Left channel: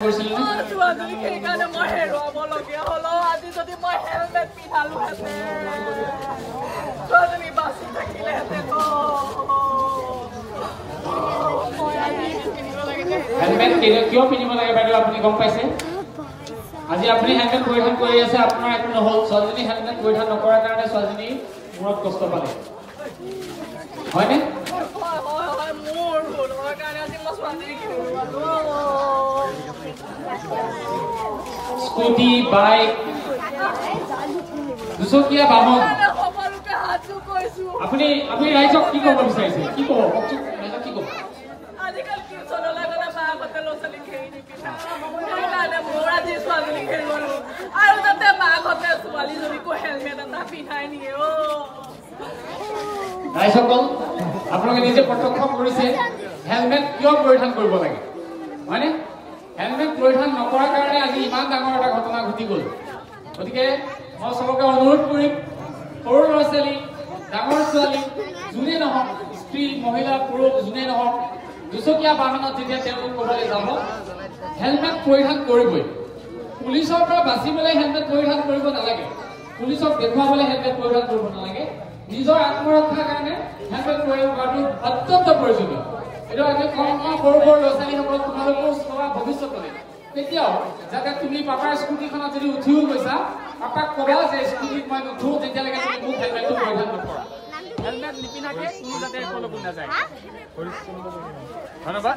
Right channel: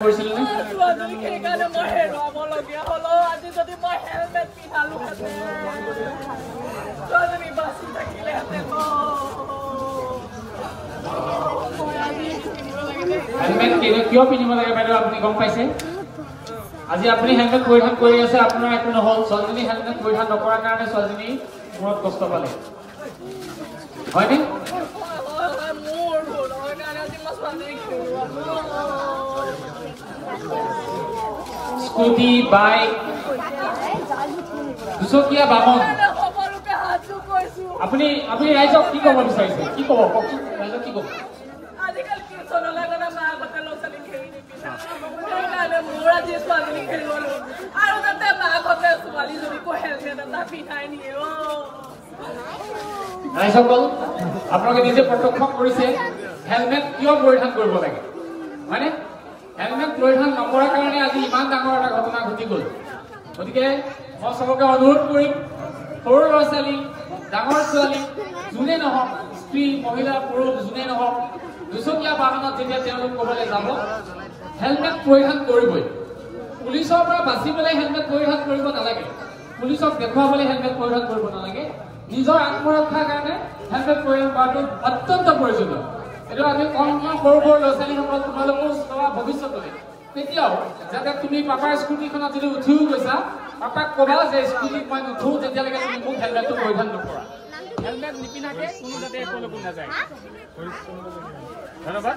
ছোৱালী সেইকাৰণে মই হেৰুৱাবলগীয়া হলো আজি যদি মই হেলমেট পিন্ধালোহেঁতেন ছোৱালী বাচি থাকিলেহেঁতেন হেলমেট কিয় পিন্ধিব লাগে বাইদেউ আপুনি গম পাইছে আজি আপুনি হেলমেট পৰিধান কৰি আছে আপোনাৰ একো নহল ছোৱালীজনী হেলমেট পৰিধান নকৰাৰ কাৰণে ছোৱালীজনী মূৰত কষ্ট পালে হয়নে মোৰ ভুল হোৱাৰ কাৰণে আজি মই ছোৱালীজনীক হেৰুৱালো স্কুটি বাইক দুচকীয়া বাহন সকলোকে হাতটো কৈছো আপুনি ৰাইজক কি ক'ব বিচাৰিছে কি ক'ব কওকচোন ৰাইজক কি ক'ব আজিকালি টিউচনলৈ গ'লে মাকহঁতে ল'ৰা ছোৱালীক হেৰি নিপিন্ধে সেইকাৰণে মোৰ আজি ছোৱালীজনীক হেৰুৱালো আৰু যাতে মাকহঁতে ছোৱালীজনীকো হেলমেট এটা পিন্ধাই নিয়ে ৰাইজসকল আপোনালোকে নিজে প্ৰত্যক্ষ কৰিছে হেলমেট কিয় পৰিধান কৰিব লাগে হয়নে হেলমেট পৰিধান নকৰাৰ কাৰণে আজি ইমান ডাঙৰ এটা ঘটনা ঘটি গ'ল গতিকে মই চবকে অনুৰোধ কৰিম সৰু ল'ৰা ছোৱালী ডাঙৰ ছোৱালী যোনে নহওক স্ত্ৰী মহিলা পুৰুষ যোনে নহওক দুচকীয়া বাহনত যেতিয়া তেওঁলোক ক'বলৈ যাব হেলমেট পৰিধান কৰিবই পুলিচৰ পৰা বাচিবলৈ হেলমেট পৰিধান কৰিব নালাগে পুলিচক দেখুৱাবলৈ হেলমেট পৰিধান কৰিব নালাগে নিজৰ আত্মৰক্ষাৰ কাৰণে হেলমেট পৰিধান কৰাটো অত্যন্ত প্ৰয়োজনীয় এইটো আমি সৰু ল'ৰা ছোৱালীসকলক তোমালোকেও চলোৱা ভৱিষ্যতলৈ তেতিয়াও যাতে তুমি পাপাৰ স্কুটিখনত যদি উঠিও গৈছা পাপাক ক'বা যে স্কুটিত মই নুঠো যেতিয়ালৈকে তুমি মোক হেলমেটটো পৰিধান নকৰা হেলমেট নিপিন্ধাকে কোনো যাতে একলৈকো নাযায় ধন্যবাদ